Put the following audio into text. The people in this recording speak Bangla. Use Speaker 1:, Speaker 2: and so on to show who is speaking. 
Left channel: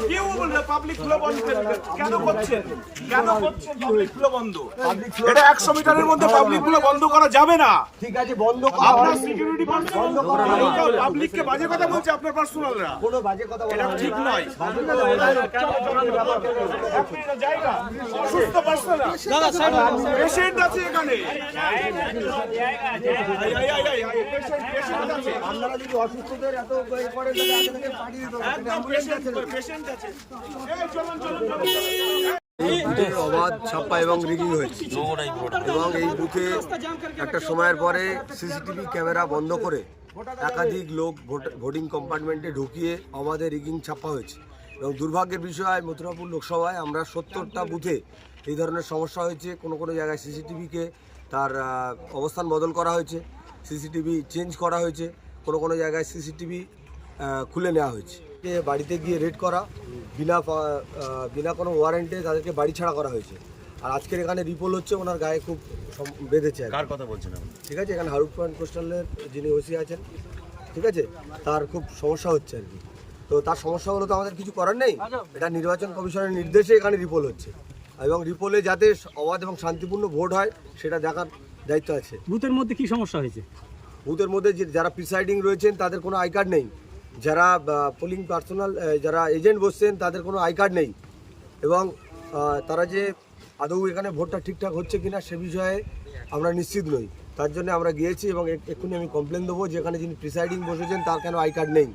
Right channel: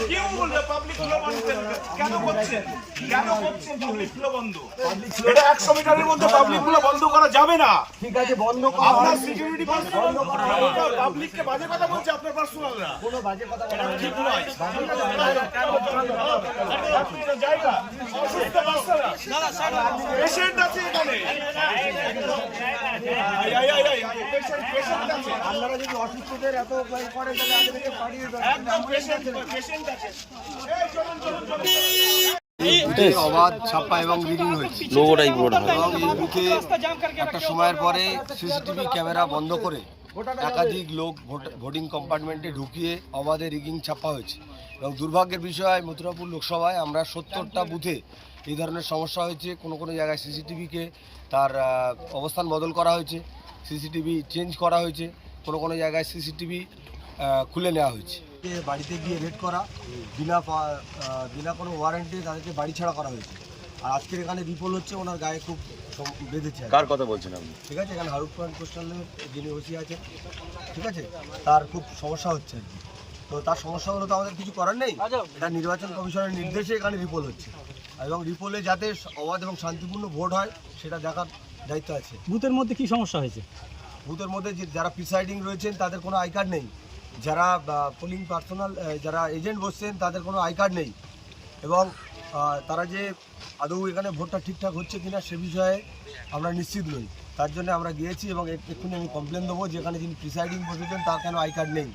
Speaker 1: কেউ বলবে পাবলিক ফ্লো বন্ধ কেন করছেন? কেন করছেন পাবলিক ফ্লো বন্ধ এটা একশো মিটারের মধ্যে পাবলিক ফ্লো বন্ধ করা যাবে না।
Speaker 2: ঠিক আছে বন্ধ করা
Speaker 1: আপনার। সিকিউরিটি বন্ধ করা পাবলিককে বাজে কথা বলছে আপনার পার্সোনালরা
Speaker 2: কোনো বাজে কথা বলা
Speaker 1: ঠিক নয়।
Speaker 3: অবাধ ছাপ্পা এবং রিগিং হয়েছে। এবং এই বুথে একটা সময়ের পরে সিসিটিভি ক্যামেরা বন্ধ করে একাধিক লোক ভোটিং কম্পার্টমেন্টে ঢুকিয়ে অবাধে রিগিং ছাপ্পা হয়েছে। এবং দুর্ভাগ্যের বিষয় মথুরাপুর লোকসভায় আমরা সত্তরটা বুথে এই ধরনের সমস্যা হয়েছে। কোনো কোনো জায়গায় সিসিটিভিকে তার অবস্থান বদল করা হয়েছে সিসিটিভি চেঞ্জ করা হয়েছে কোনো কোনো জায়গায় সিসিটিভি খুলে নেওয়া হয়েছে। বাড়িতে গিয়ে রেড করা বিনা পা- বিনা কোনো ওয়ারেন্টে তাদেরকে বাড়ি ছাড়া করা হয়েছে। আর আজকের এখানে রিপোল হচ্ছে ওনার গায়ে খুব সম- বেঁধেছে আর
Speaker 4: কার কথা বলছেন আপনি?
Speaker 3: ঠিক আছে এখানে পয়েন্ট কোস্টালের যিনি ওসি আছেন ঠিক আছে তার খুব সমস্যা হচ্ছে আর কি। তো তার সমস্যা হলো তো আমাদের কিছু করার নেই। এটা নির্বাচন কমিশনের নির্দেশে এখানে রিপোল হচ্ছে। এবং রিপোলে যাতে অবাধ এবং শান্তিপূর্ণ ভোট হয় সেটা দেখার দায়িত্ব আছে।
Speaker 5: বুথের মধ্যে কি সমস্যা হয়েছে?
Speaker 3: বুথের মধ্যে যে যারা প্রিসাইডিং রয়েছেন তাদের কোনো আই কার্ড নেই। যারা পোলিং পার্সোনাল যারা এজেন্ট বসছেন তাদের কোনো আই কার্ড নেই। এবং তারা যে আদৌ এখানে ভোটটা ঠিকঠাক হচ্ছে কিনা সে বিষয়ে আমরা নিশ্চিত নই। তার জন্য আমরা গিয়েছি এবং এক্ষুনি আমি কমপ্লেন দেবো যেখানে যিনি প্রিসাইডিং বসেছেন তার কেন আই কার্ড নেই।